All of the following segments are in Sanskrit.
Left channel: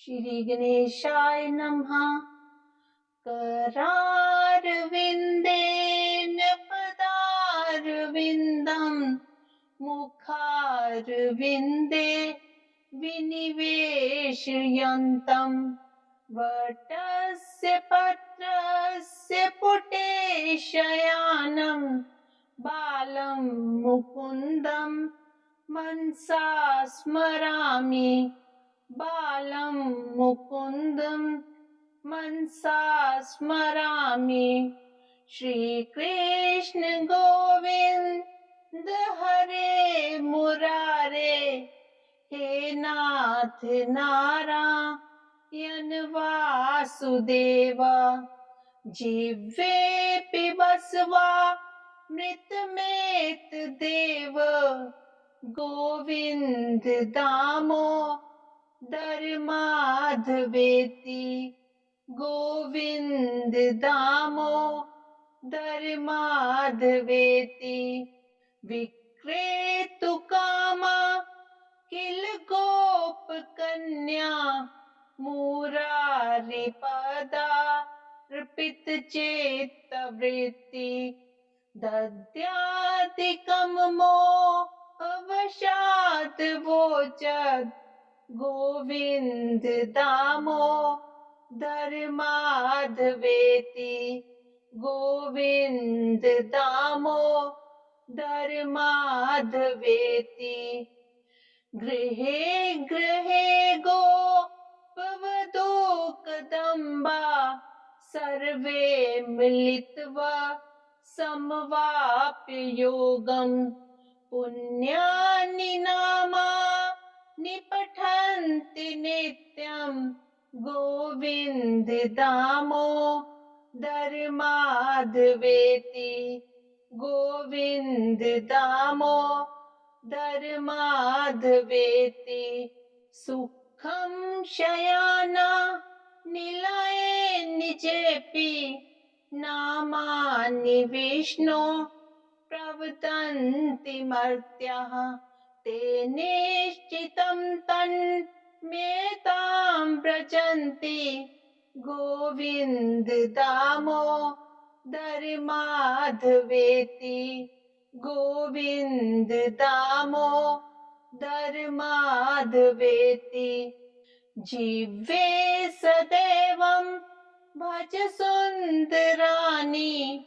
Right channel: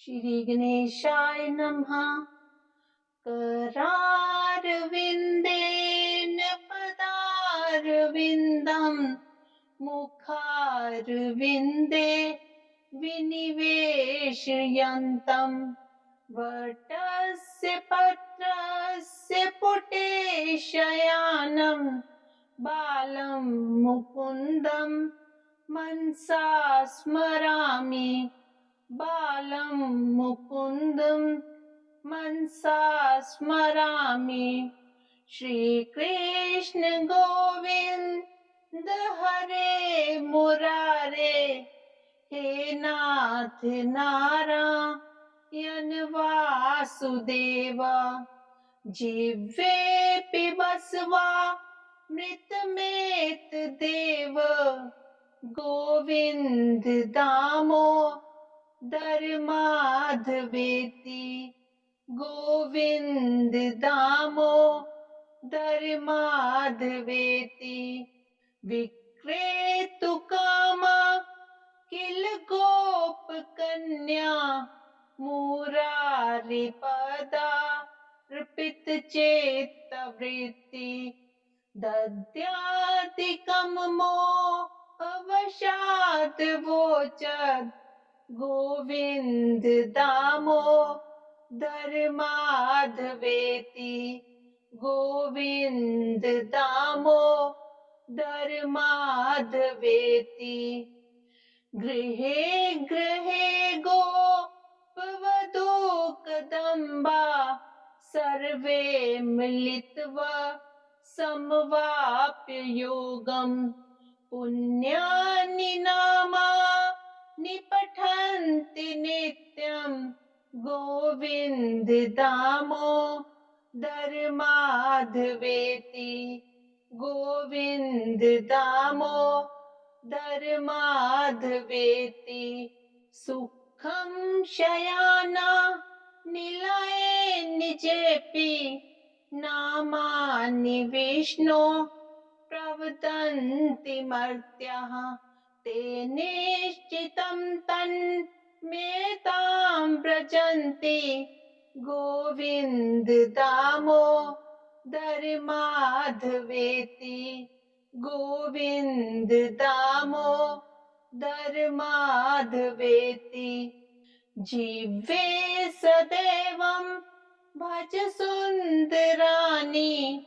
श्री गणेशाय नमः। करारविन्देन पदारविन्दं मुखारविन्दे विनिवेशयन्तं वटस्य पत्रस्य पुटे शयानं बालं मुकुन्दं मनसा स्मरामि। बालं मुकुन्दं मनसा स्मरामि। श्रीकृष्ण गोविन्द हरे मुरारे, हे नाथ नारायण वासुदेव। जिह्वे पिबस्वा मृतमेत देव, गोविन्द दामोदर माधवेति। गोविन्द दामोदर माधवेति। विक्रेतु कामा किल गोप कन्या, मुरारी पदार्पित चेतवृत्ति। दद्यादिकं मोहवशात् वोचत्, गोविन्द दामोदर माधवेति। गोविन्द दामोदर माधवेति। गृहे गृहे गोपवधू कदम्बा, सर्वे मिलित्वा समवाप्य योगम्। पुण्यानि नामानि पठन्ति नित्यं, गोविन्द दामोदर माधवेति। गोविन्द दामोदर माधवेति। सुखं शयाना निलये निजेपि, नामानि विष्णो प्रवदन्ति मर्त्याः। ते निश्चितं तन्मेतां व्रजन्ति, गोविन्द दामोदर माधवेति। गोविन्द दामोदर माधवेति। जिह्वे सदैवं भज सुन्दराणि,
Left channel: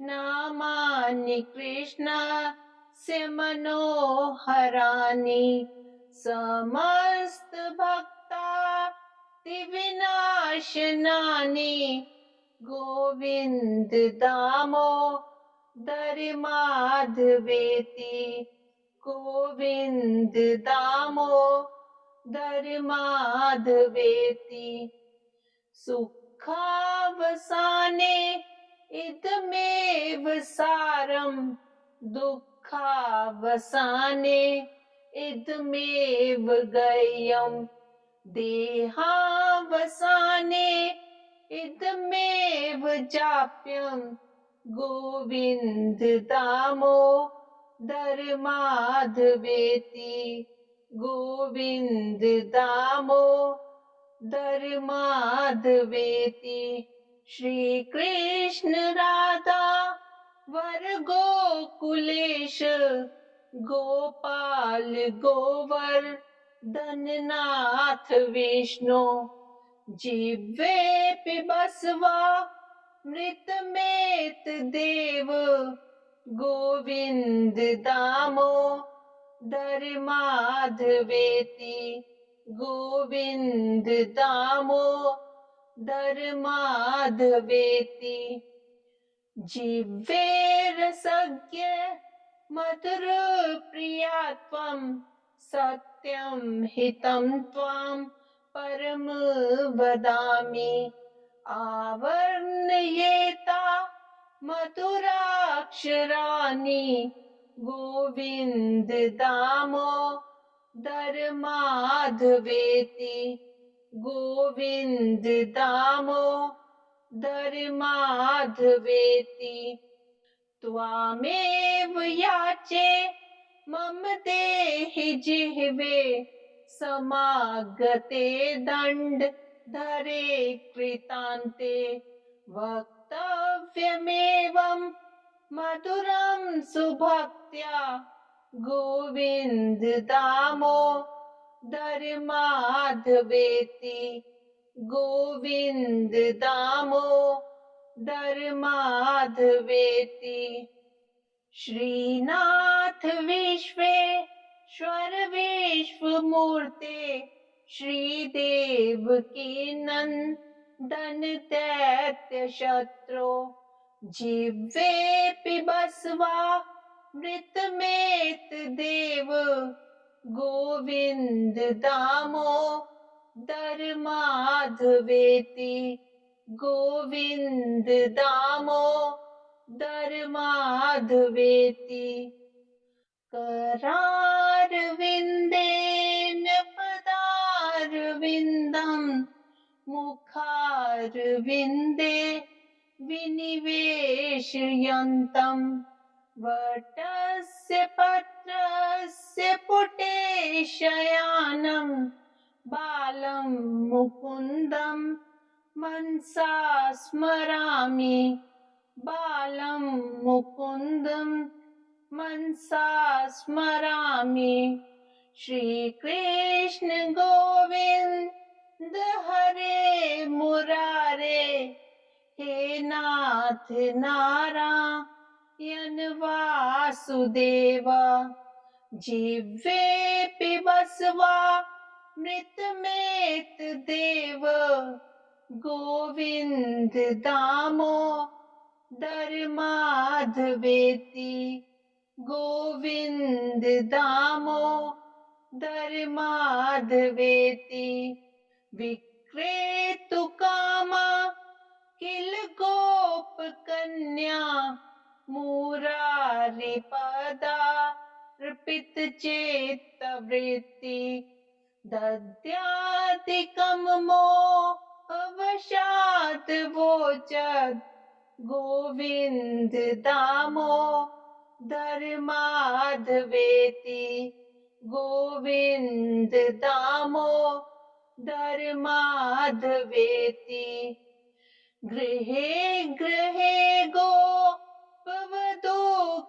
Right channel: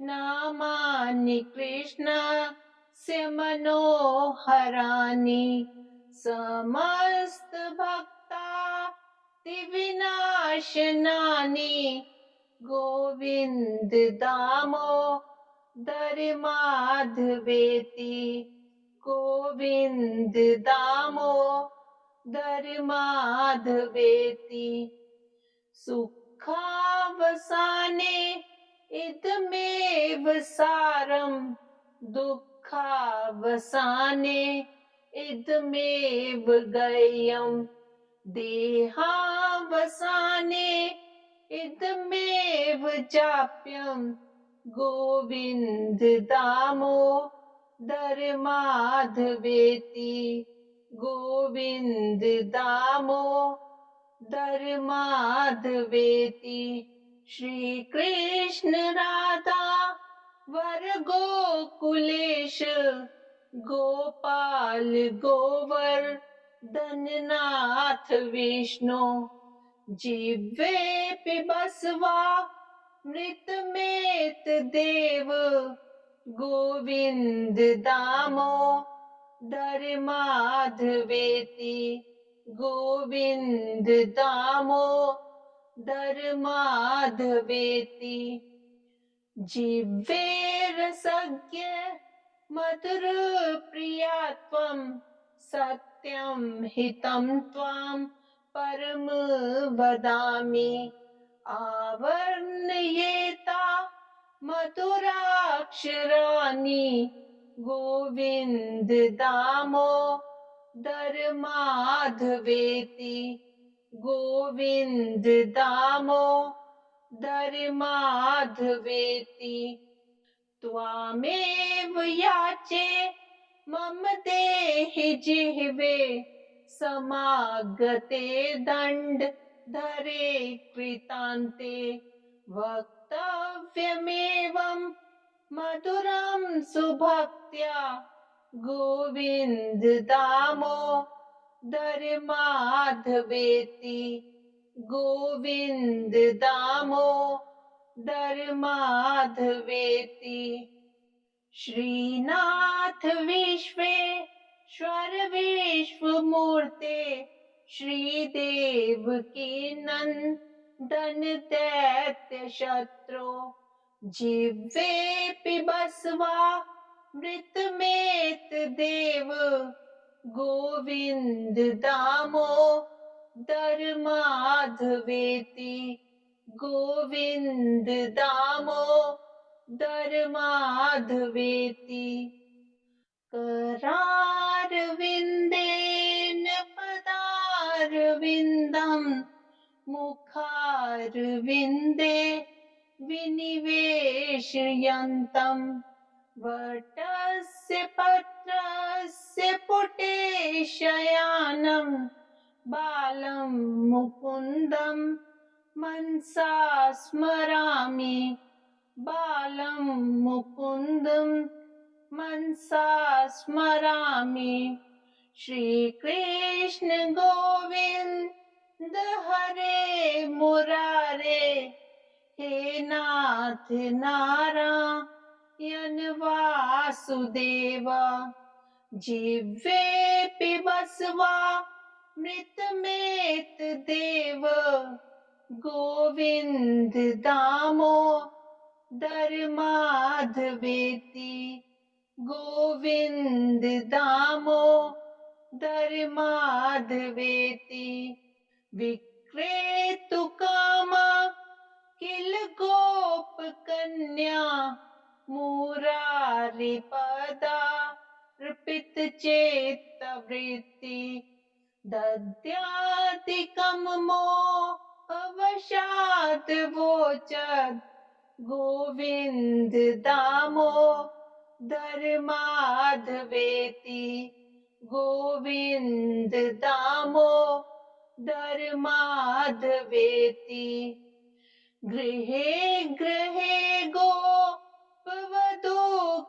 नामानि कृष्णस्य मनोहराणि। समस्त भक्तादिविनाशनानि, गोविन्द दामोदर माधवेति। गोविन्द दामोदर माधवेति। सुखावसाने इदमेव सारं, दुःखावसाने इदमेव गय्यम्। देहावसाने इदमेव जाप्यं, गोविन्द दामोदर माधवेति। गोविन्द दामोदर माधवेति। श्रीकृष्ण राधा वर गोकुलेश, गोपाल गोवर्धननाथ विष्णु। जिह्वे पिबस्वा मृतमेत देव, गोविन्द दामोदर माधवेति। गोविन्द दामोदर माधवेति। जिह्वे रसज्ञ मधुर प्रिया त्वं, सत्यं हितं त्वां परम वदामि। आवर्णयेता मधुराक्षराणि, गोविन्द दामोदर माधवेति। गोविन्द दामोदर माधवेति। त्वामेव याचे मम देहि जिह्वे, समागते दंड धरे कृतान्ते वक्तव्यमेवं मधुरं सुभक्त्या गोविन्द दामोदर माधवेति गोविन्द दामोदर माधवेति। श्रीनाथ विश्वेश्वर विश्वमूर्ते श्रीदेव की नंदन दैत्य शत्रु जिह्वे पिबस्वा मृतमेत देव गोविन्द दामोदर माधवेति गोविन्द दामोदर माधवेति। करारविन्देन पदारविन्दं मुखारविन्दे विनिवेशयन्तं वटस्य पत्रस्य पुटे शयानं बालं मुकुन्दं मनसा स्मरामि बालं मुकुन्दं मनसा स्मरामि। श्रीकृष्ण गोविन्द हरे मुरारे हे नाथ नारायण वासुदेव जिह्वे पिबस्वा मृतमेत देव गोविन्द दामोदर माधवेति गोविन्द दामोदर माधवेति। विक्रेतु कामा किल गोप कन्या मुरारी पदार्पित चेत्तवृत्ति दद्यादिकं मोहवशात् वोचत् गोविन्द दामोदर माधवेति गोविन्द दामोदर माधवेति। गृहे गृहे गोपवधू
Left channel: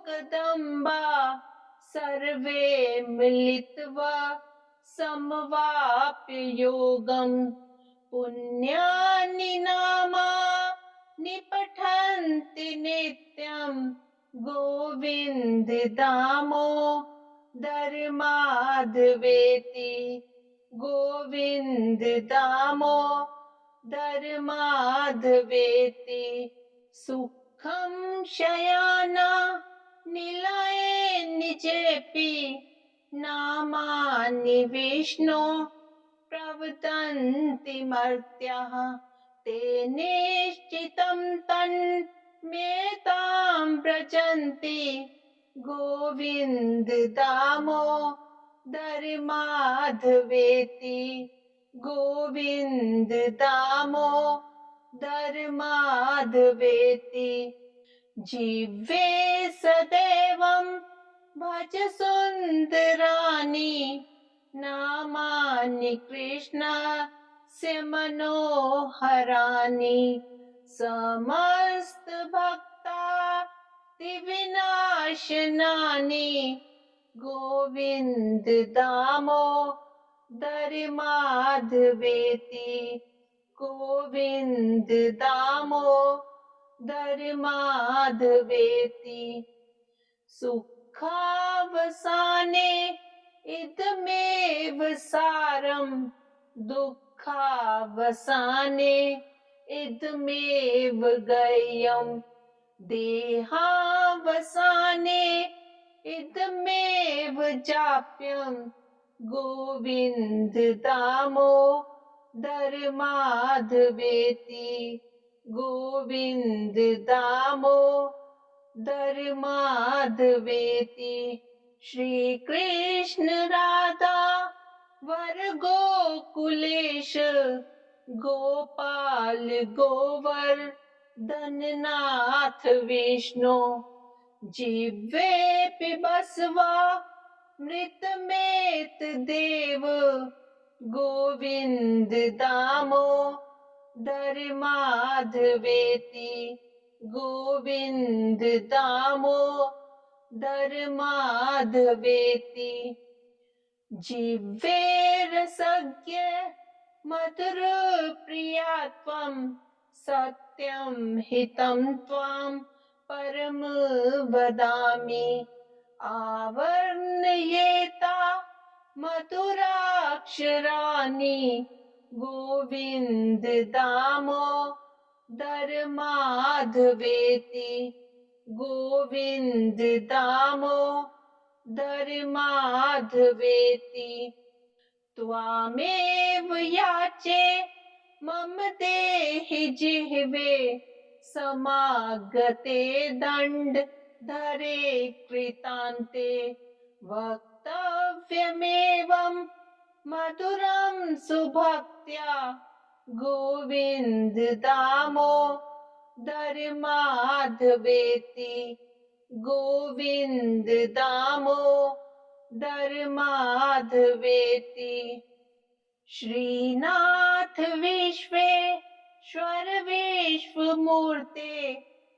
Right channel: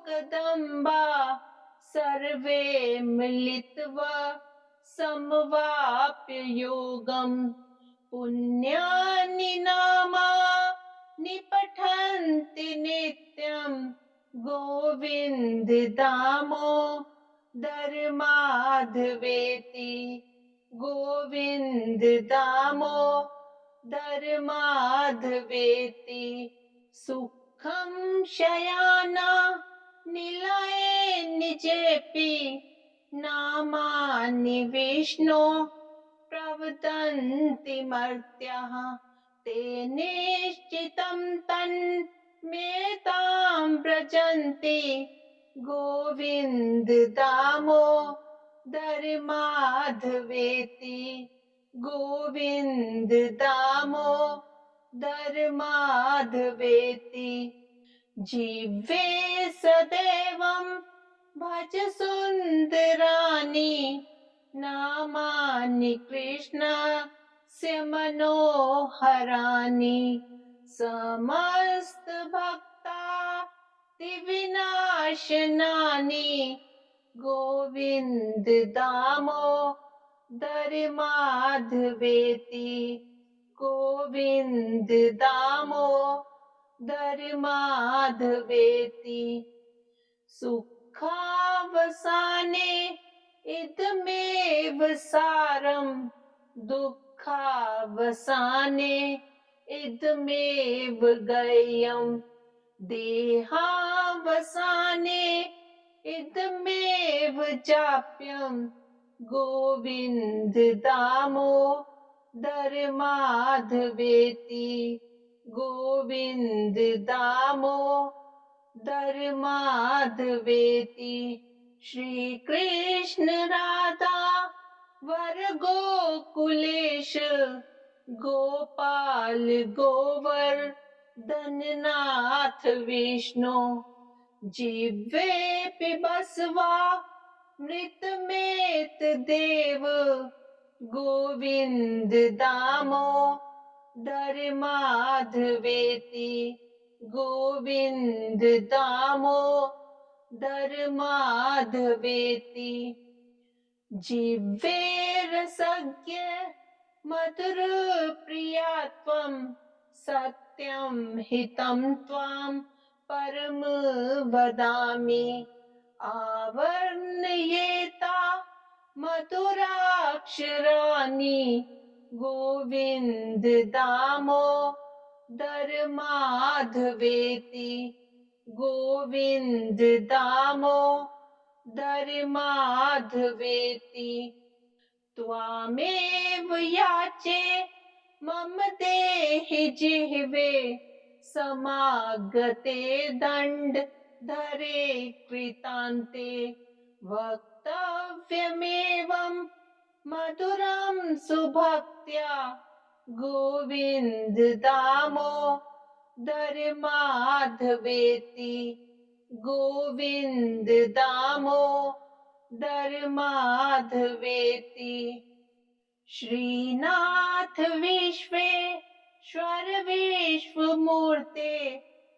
कदम्बा सर्वे मिलित्वा समवाप्य योगं पुण्यानि नामानि पठन्ति नित्यं गोविन्द दामोदर माधवेति गोविन्द दामोदर माधवेति। सुखं शयाना निलये निजेपि नामानि विष्णो प्रवदन्ति मर्त्याः ते निश्चितं तन्मेतां व्रजन्ति गोविन्द दामोदर माधवेति गोविन्द दामोदर माधवेति। जिह्वे सदैवं भज सुन्दराणि नामानि कृष्णस्य मनोहराणि समस्त भक्तादिविनाशनानि गोविन्द दामोदर माधवेति गोविन्द दामोदर माधवेति। सुखावसाने इदमेव सारं दुःखावसाने इदमेव गय्यं देहावसाने इदमेव जाप्यं गोविन्द दामोदर माधवेति गोविन्द दामोदर माधवेति। श्री कृष्ण राधा वर गोकुलेश गोपाल गोवर्धननाथ विष्णु जिह्वे पिबस्वा मृतमेत देव गोविंद दामोदर माधवेति गोविंद दामोदर माधवेति जिह्वे रसज्ञ मधुर प्रिया त्वं सत्यं हितं त्वां परम वदामि आवर्णयेता मधुराक्षराणि गोविन्द दामोदर माधवेति गोविन्द दामोदर माधवेति त्वामेव याचे मम देहि जिह्वे समागते दण्डधरे कृतान्ते वक्तव्यमेवं मधुरं सुभक्त्या गोविन्द दामोदर माधवेति गोविन्द दामोदर माधवेति श्रीनाथ विश्वेश्वर विश्वमूर्ते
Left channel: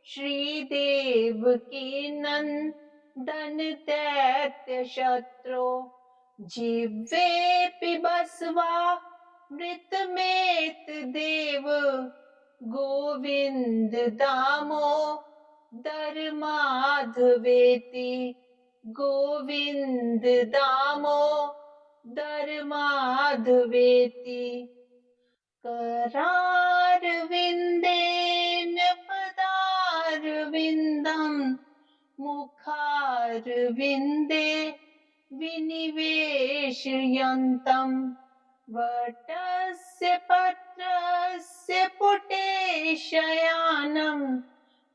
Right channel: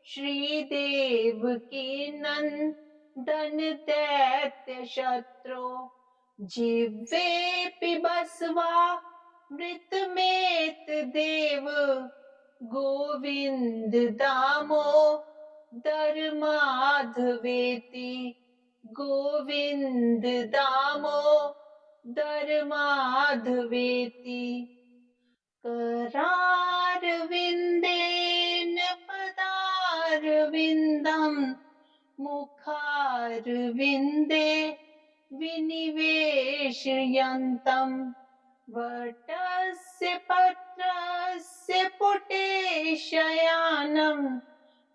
श्रीदेव की नंदन दैत्य शत्रु जिह्वे पिबस्वा मृतमेत देव गोविन्द दामोदर माधवेति गोविन्द दामोदर माधवेति करारविन्देन पदारविन्दं मुखारविन्दे विनिवेशयन्तं वटस्य पत्रस्य पुटे शयानं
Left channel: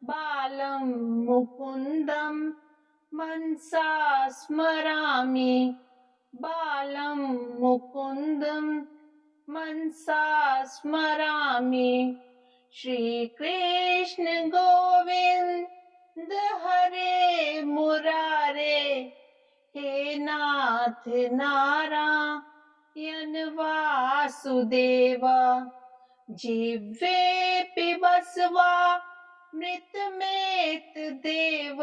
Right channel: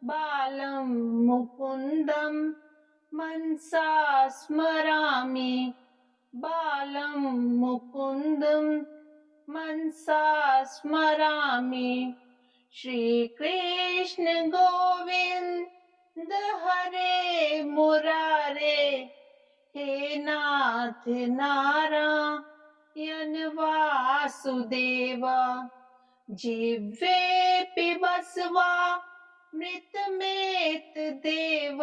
बालं मुकुन्दं मनसा स्मरामि बालं मुकुन्दं मनसा स्मरामि श्रीकृष्ण गोविन्द हरे मुरारे हे नाथ नारायण वासुदेव जिह्वे पिबस्वा मृतमेत देव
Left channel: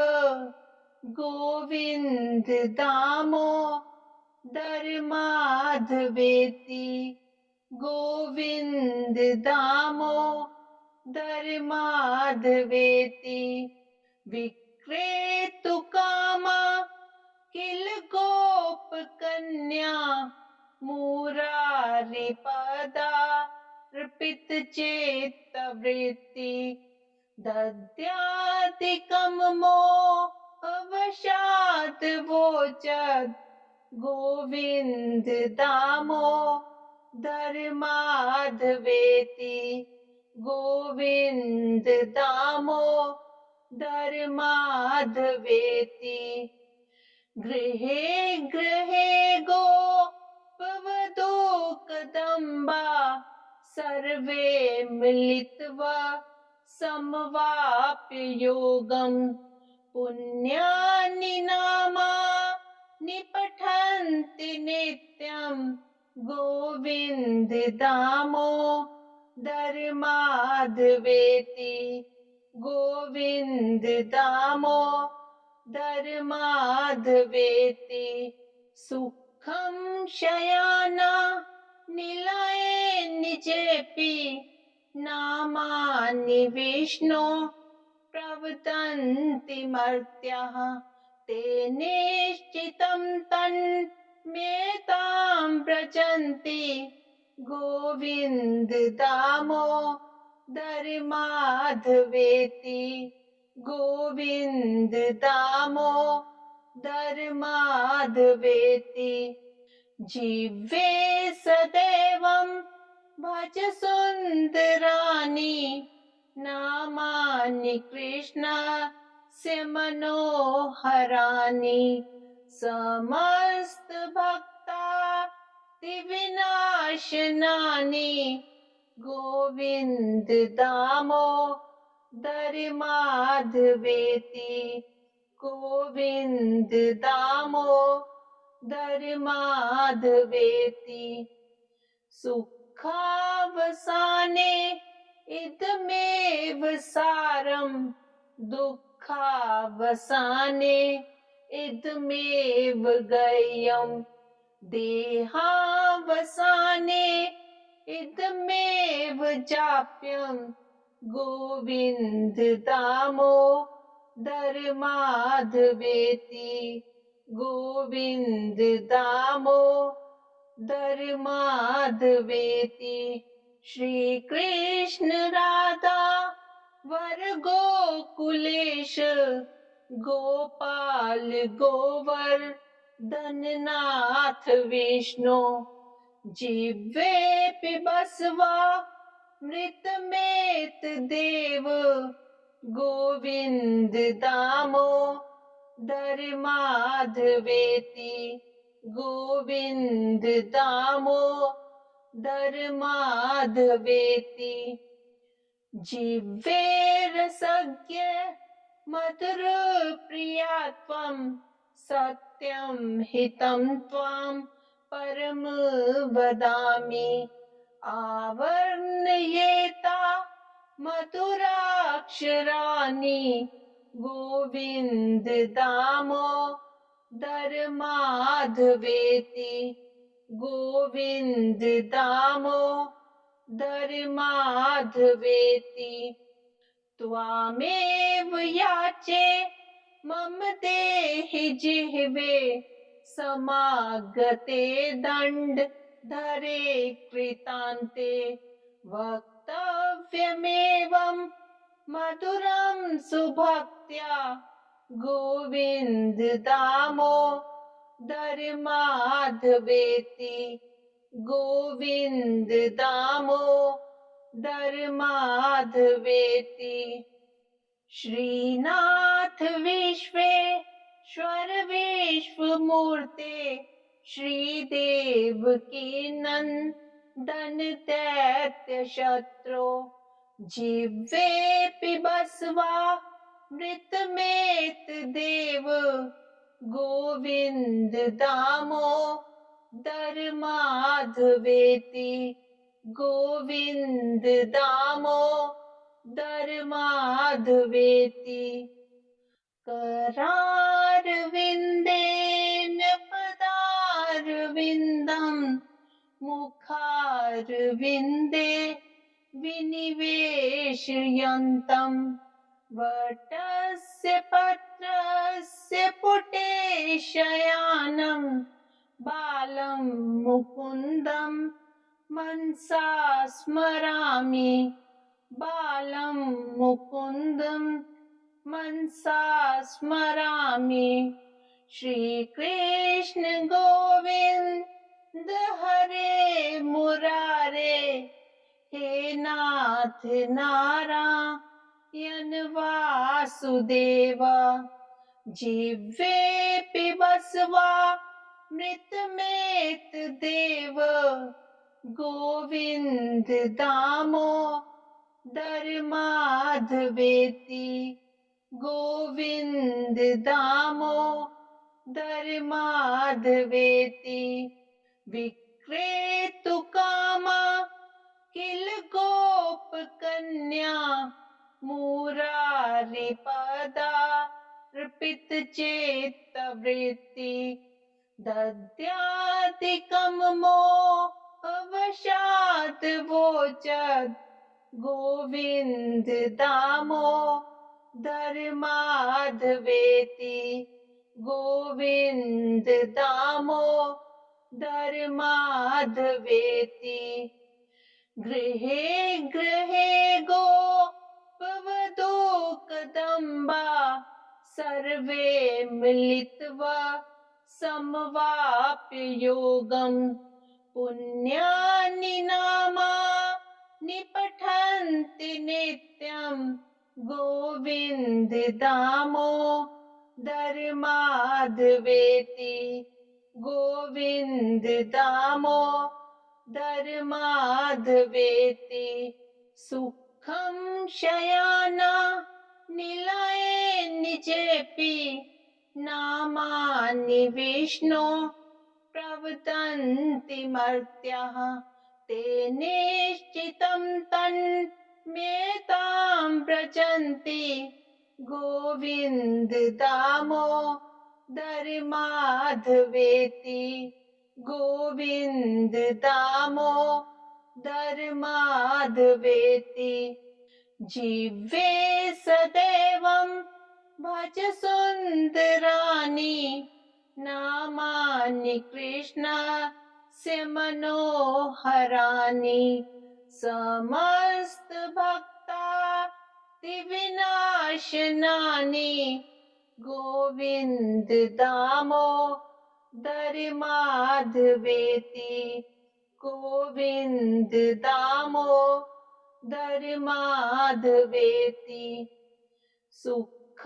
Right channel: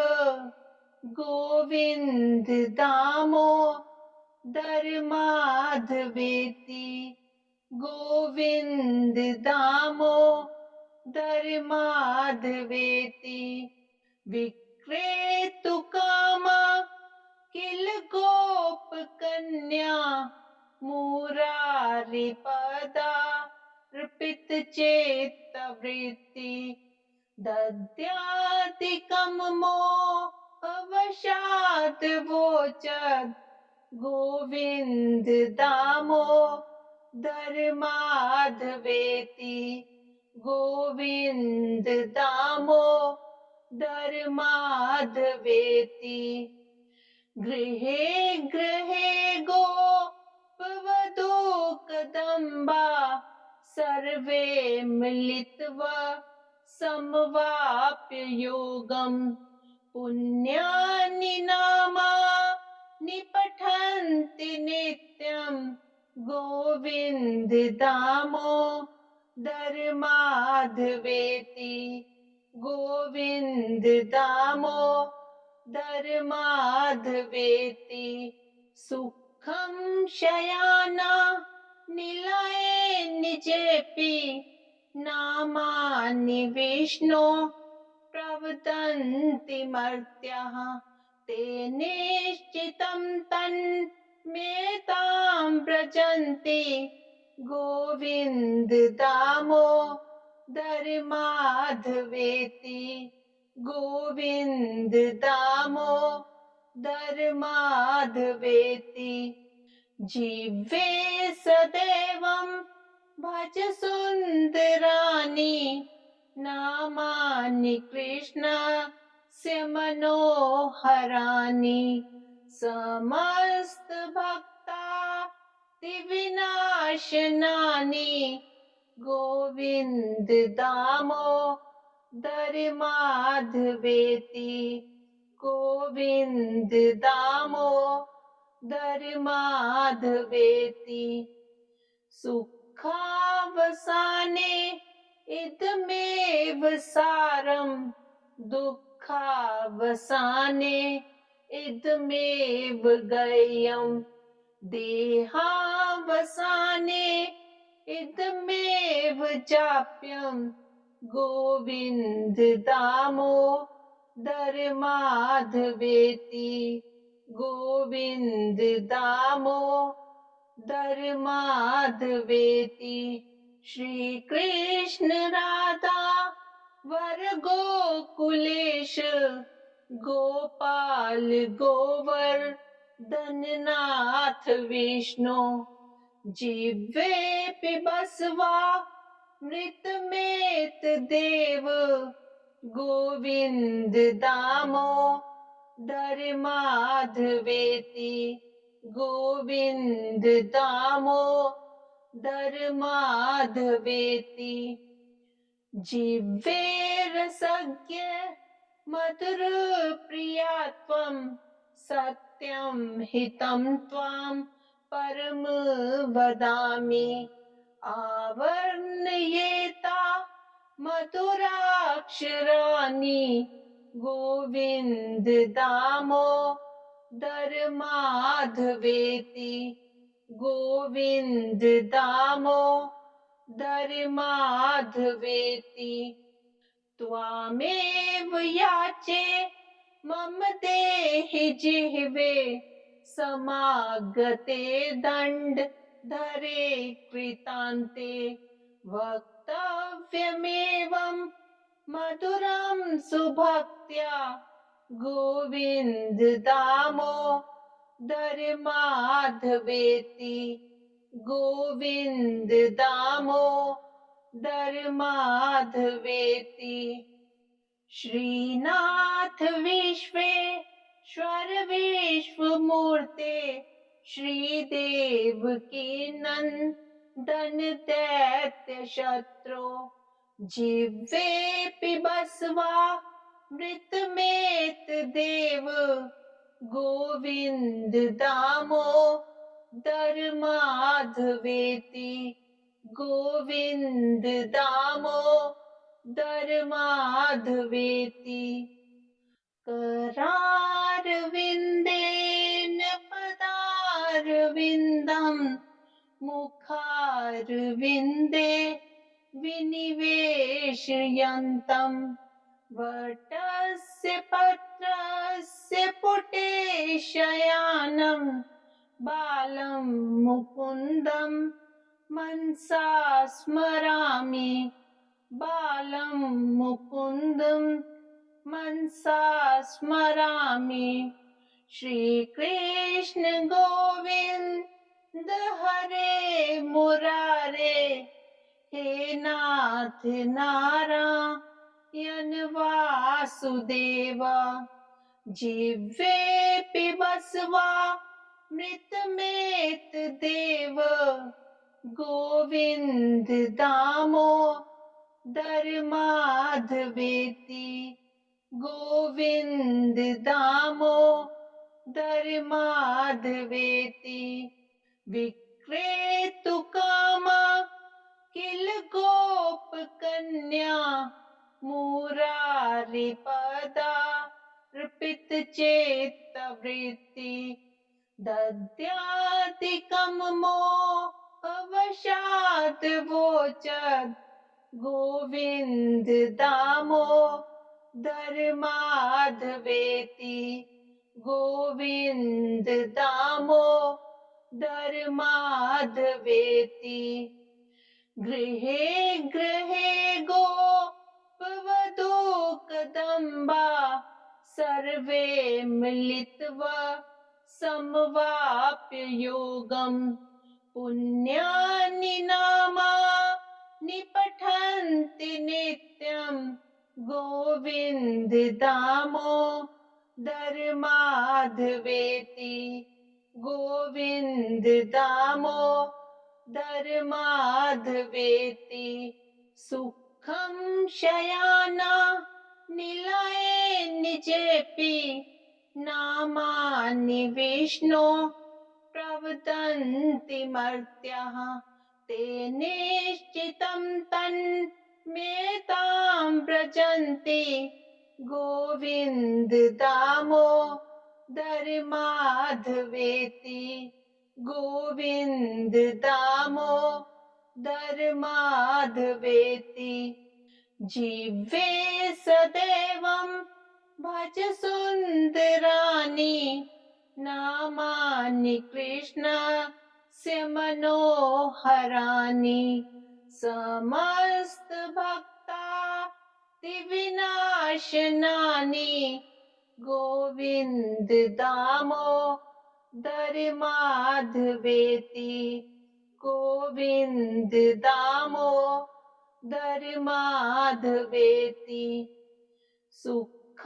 गोविन्द दामोदर माधवेति गोविन्द दामोदर माधवेति विक्रेतुकामा किल गोप कन्या मुरारिपदार्पित चेत्तवृत्ति दद्यादिकं मोहवशात् वोचद् गोविन्द दामोदर माधवेति गोविन्द दामोदर माधवेति गृहे गृहे गोपवधू कदम्बा सर्वे मिलित्वा समवाप्य योगं पुण्यानि नामानि पठन्ति नित्यं गोविन्द दामोदर माधवेति गोविन्द दामोदर माधवेति सुखं शयाना निलये निजेपि नामानि विष्णो प्रवदन्ति मर्त्याः ते निश्चितं तन्मेतां व्रजन्ति गोविन्द दामोदर माधवेति गोविन्द दामोदर माधवेति जिह्वे सदैवं भज सुन्दराणि नामानि कृष्णस्य मनोहराणि समस्त भक्तादिविनाशनानि गोविन्द दामोदर माधवेति गोविन्द दामोदर माधवेति सुखावसाने इदमेव सारं, दुःखावसाने इदमेव गय्यम्, देहावसाने इदमेव जाप्यम्, गोविन्द दामोदर माधवेति, गोविन्द दामोदर माधवेति। श्री कृष्ण राधा वर गोकुलेश, गोपाल गोवर्धननाथ विष्णु, जिह्वे पिबस्वा मृतमेत देव, गोविन्द दामोदर माधवेति, गोविन्द दामोदर माधवेति। जिह्वे रसज्ञ मधुर प्रिया त्वं, सत्यं हितं त्वां परम वदामि। आवर्णयेता मधुराक्षराणि, गोविन्द दामोदर माधवेति, गोविन्द दामोदर माधवेति। त्वामेव याचे मम देहि जिह्वे, समागते दण्डधरे कृतान्ते। वक्तव्यमेवं मधुरं सुभक्त्या, गोविन्द दामोदर माधवेति, गोविन्द दामोदर माधवेति। श्रीनाथ विश्वेश्वर विश्वमूर्ते, श्रीदेवकी नन्दन दैत्य शत्रो, जिह्वे पिबस्वा मृतमेत देव, गोविन्द दामोदर माधवेति, गोविन्द दामोदर माधवेति। करारविन्देन पदारविन्दं, मुखारविन्दे विनिवेशयन्तं, वटस्य पत्रस्य पुटे शयानं, बालं मुकुन्दं मनसा स्मरामि, बालं मुकुन्दं मनसा स्मरामि। श्रीकृष्ण गोविन्द हरे मुरारे, हे नाथ नारायण वासुदेव। जिह्वे पिबस्वा मृतमेत देव, गोविन्द दामोदर माधवेति, गोविन्द दामोदर माधवेति। विक्रेतुकामा किल गोप कन्या, मुरारिपदार्पित चेत्तवृत्ति, दद्यादिकं मोहवशात् वोचत्, गोविन्द दामोदर माधवेति, गोविन्द दामोदर माधवेति। गृहे गृहे गोपवधू कदम्बा, सर्वे मिलित्वा समवाप्य योगं, पुण्यानि नामानि पठन्ति नित्यं, गोविन्द दामोदर माधवेति, गोविन्द दामोदर माधवेति। सुखं शयाना निलये निजेपि, नामानि विष्णो प्रवदन्ति मर्त्याः, ते निश्चितं तन्मेतां व्रजन्ति गोविन्द दामोदर माधवेति गोविन्द दामोदर माधवेति जीवे सदैवं भज सुन्दराणि नामानि कृष्णस्य मनोहराणि समस्त भक्तादिविनाशनानि गोविन्द दामोदर माधवेति गोविन्द दामोदर माधवेति सुखावसाने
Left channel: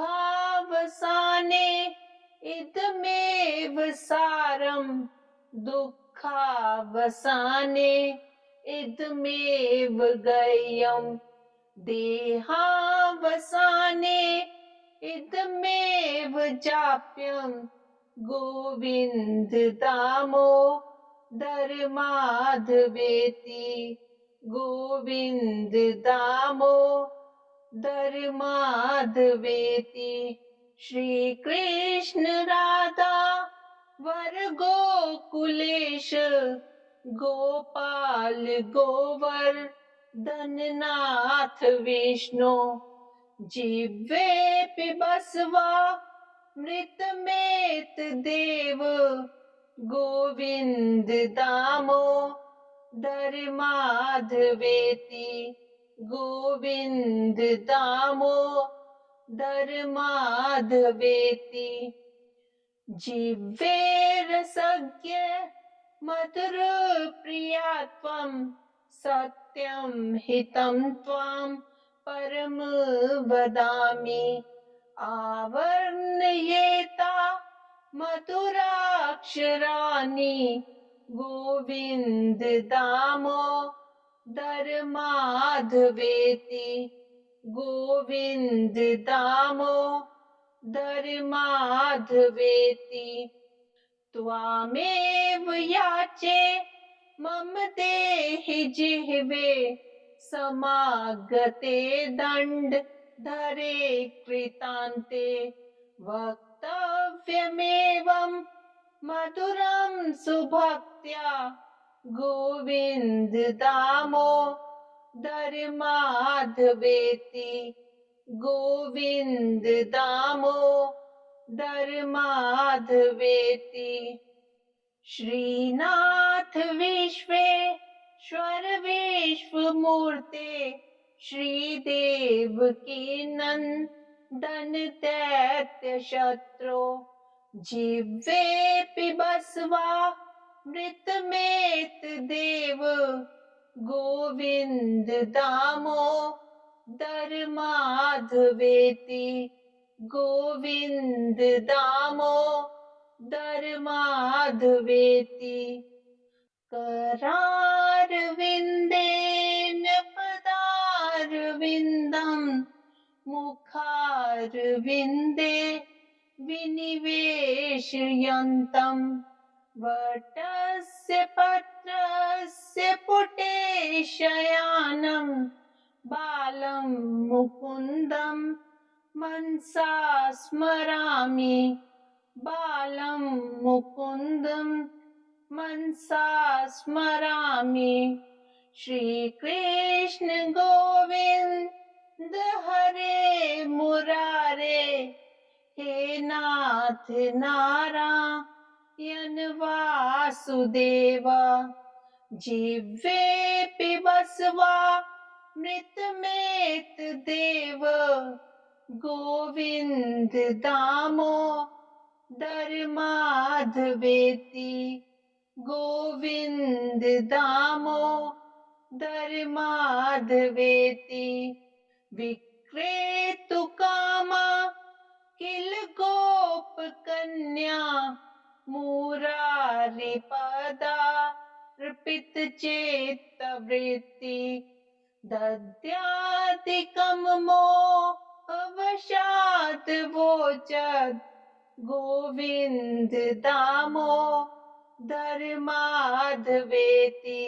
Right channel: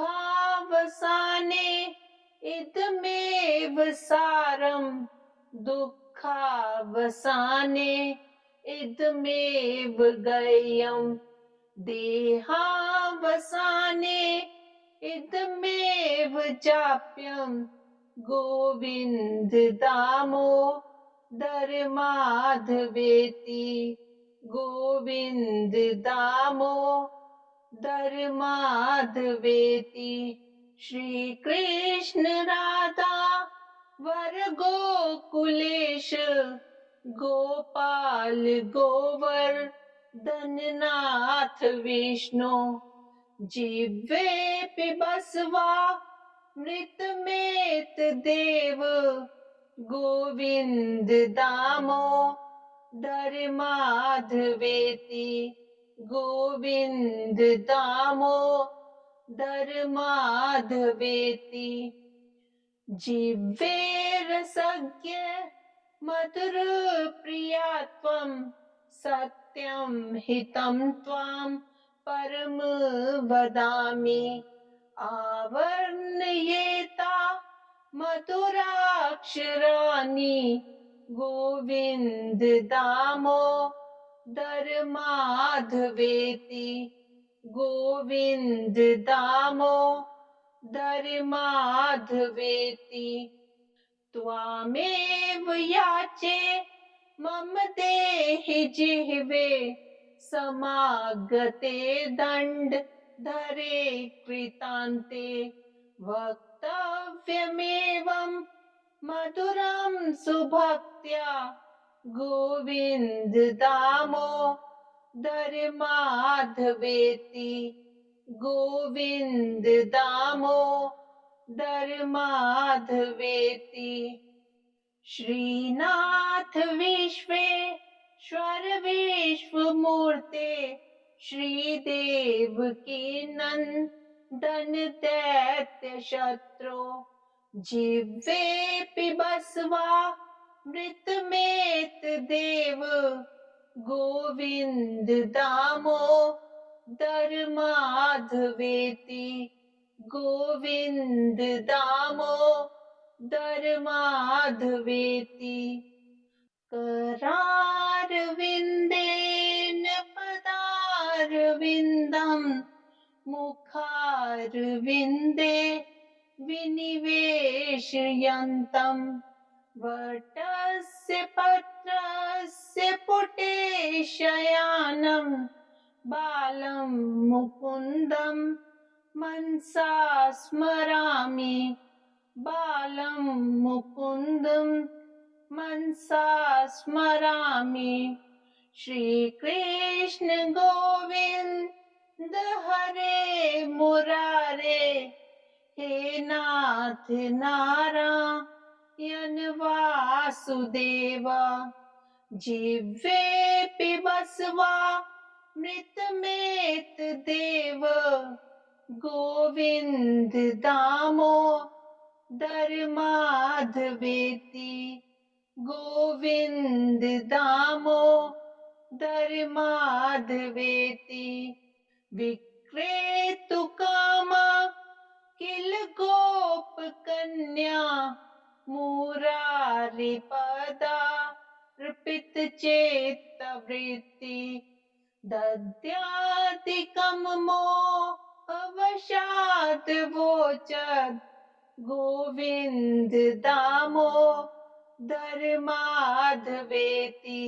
इदमेव सारं दुःखावसाने इदमेव गय्यम् देहावसाने इदमेव जाप्यं गोविन्द दामोदर माधवेति गोविन्द दामोदर माधवेति श्री कृष्ण राधा वर गोकुलेश गोपाल गोवर्धननाथ विष्णु जिह्वे पिबस्वा मृतमेत देव गोविन्द दामोदर माधवेति गोविन्द दामोदर माधवेति जिह्वे रसज्ञ मधुर प्रिया त्वं सत्यं हितं त्वां परम वदामि आवर्णयेता मधुराक्षराणि गोविन्द दामोदर माधवेति गोविन्द दामोदर माधवेति त्वामेव याचे मम देहि जिह्वे समागते दण्डधरे कृतान्ते वक्तव्यमेवं मधुरं सुभक्त्या गोविन्द दामोदर माधवेति गोविन्द दामोदर माधवेति श्रीनाथ विश्वेश्वर विश्वमूर्ते श्रीदेव की नंदन दैत्य शत्रु जिह्वे पिबस्वा मृतमेत देव गोविन्द दामोदर माधवेति गोविन्द दामोदर माधवेति करारविन्देन पदारविन्दं मुखारविन्दे विनिवेशयन्तं वटस्य पत्रस्य पुटे शयानं बालं मुकुन्दं मनसा स्मरामि बालं मुकुन्दं मनसा स्मरामि श्रीकृष्ण गोविन्द हरे मुरारे हे नाथ नारायण वासुदेव जिह्वे पिबस्वा मृतमेत देव गोविन्द दामोदर माधवेति गोविन्द दामोदर माधवेति विक्रेतु कामा किल गोप कन्या मुरारी पदार्पित चेत्तवृत्ति दद्यादिकं मोहवशात् वोचत् गोविन्द दामोदर माधवेति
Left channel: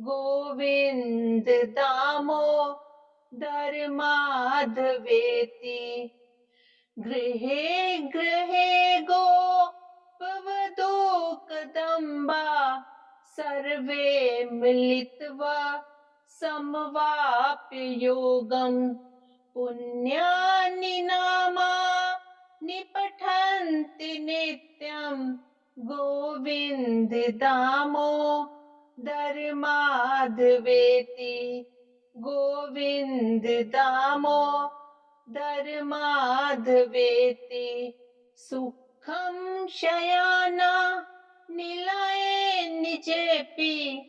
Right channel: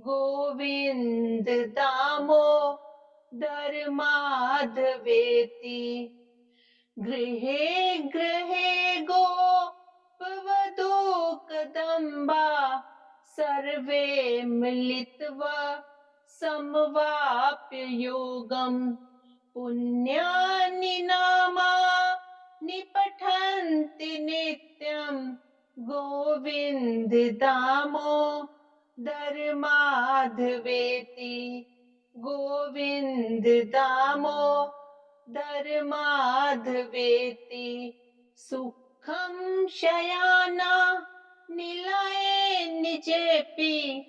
गोविन्द दामोदर माधवेति। गृहे गृहे गोपवधू कदम्बा सर्वे मिलित्वा समवाप्य योगम्। पुण्यानि नामानि पठन्ति नित्यम् गोविन्द दामोदर माधवेति। गोविन्द दामोदर माधवेति। सुखं शयाना निलये निजेऽपि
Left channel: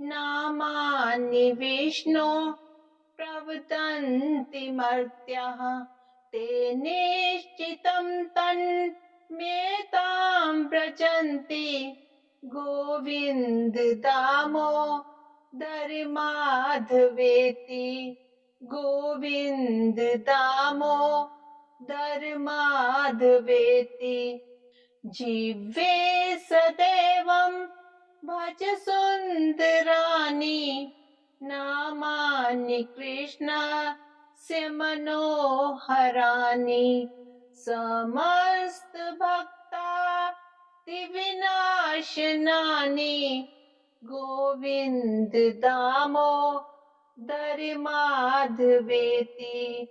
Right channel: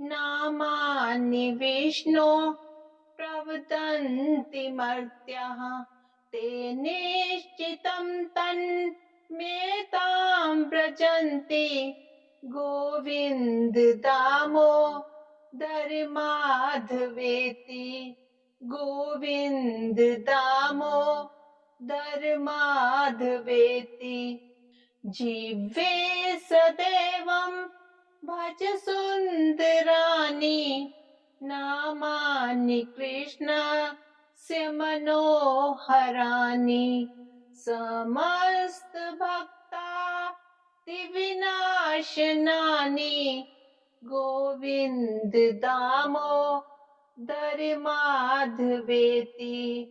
नामानि विष्णो प्रवदन्ति मर्त्याः। ते निश्चितं तन्मेतां व्रजन्ति गोविन्द दामोदर माधवेति। गोविन्द दामोदर माधवेति। जीवे सदैवं भज सुन्दराणि नामानि कृष्णस्य मनोहराणि। समस्त भक्तादिविनाशनानि गोविन्द दामोदर माधवेति।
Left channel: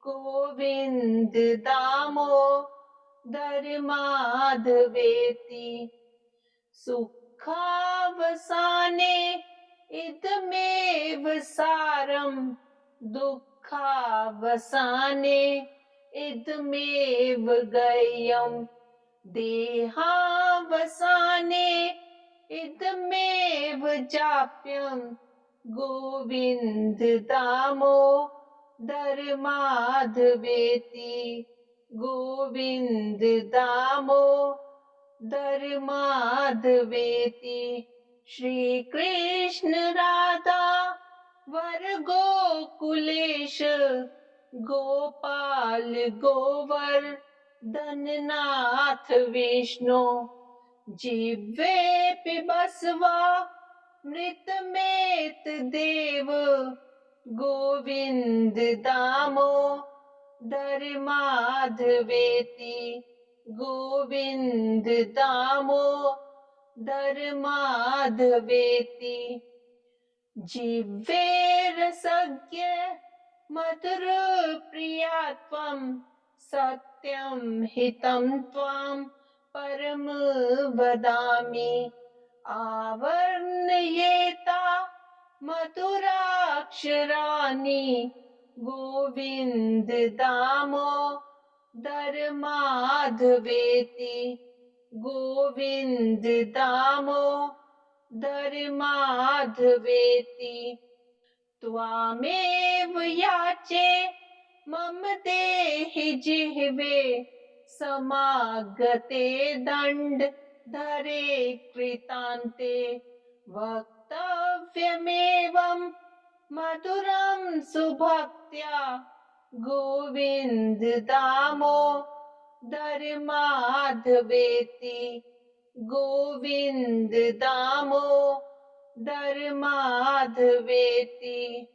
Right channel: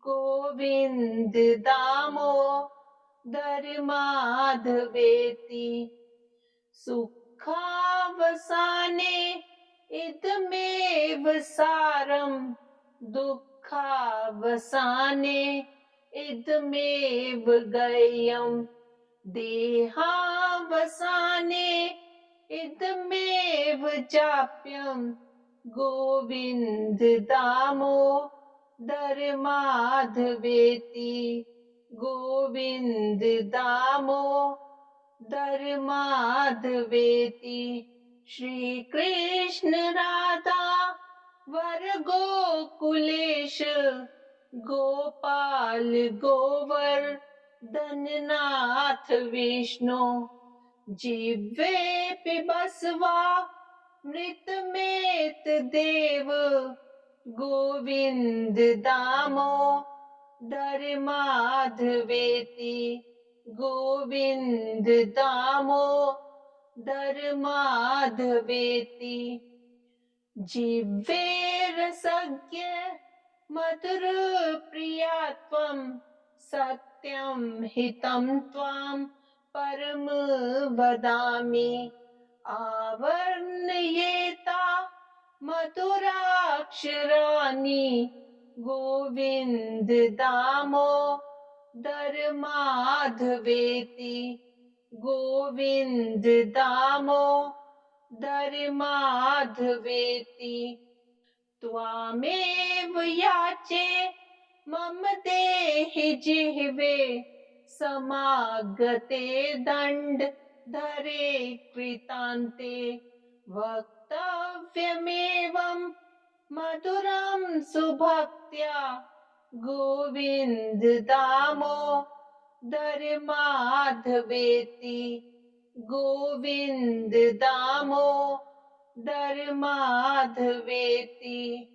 गोविन्द दामोदर माधवेति। सुखावसाने इदमेव सारं दुःखावसाने इदमेव गय्यम्। देहावसाने इदमेव जाप्यम् गोविन्द दामोदर माधवेति। गोविन्द दामोदर माधवेति। श्री कृष्ण राधा वर गोकुलेश गोपाल गोवर्धननाथ विष्णु। जिह्वे बसवा मृतमेत देव गोविन्द दामोदर माधवेति। गोविन्द दामोदर माधवेति। जिह्वे रसज्ञ मधुर प्रिया त्वं सत्यं हितं त्वां परम वदामि। आवर्णयेता मधुराक्षराणि गोविन्द दामोदर माधवेति। गोविन्द दामोदर माधवेति। त्वामेव याचे मम देहि जिह्वे समागते दण्डधरे कृतान्ते। वक्तव्यमेवं मधुरं सुभक्त्या गोविन्द दामोदर माधवेति। गोविन्द दामोदर माधवेति।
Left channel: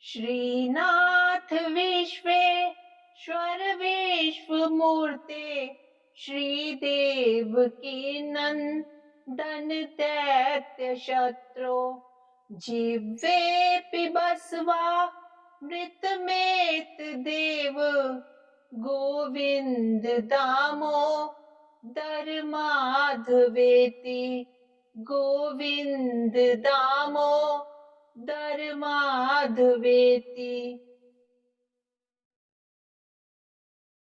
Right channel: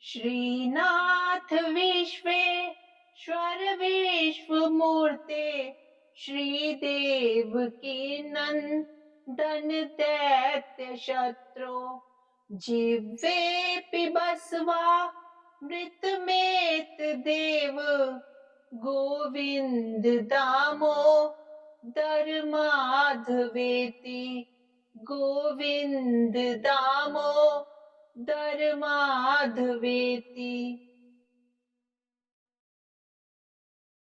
श्रीनाथ विश्वेश्वर विश्वमूर्ते श्रीदेव की नंदन दैत्य शत्रु। जिह्वे बसवा मृतमेत देव गोविन्द दामोदर माधवेति। गोविन्द दामोदर माधवेति।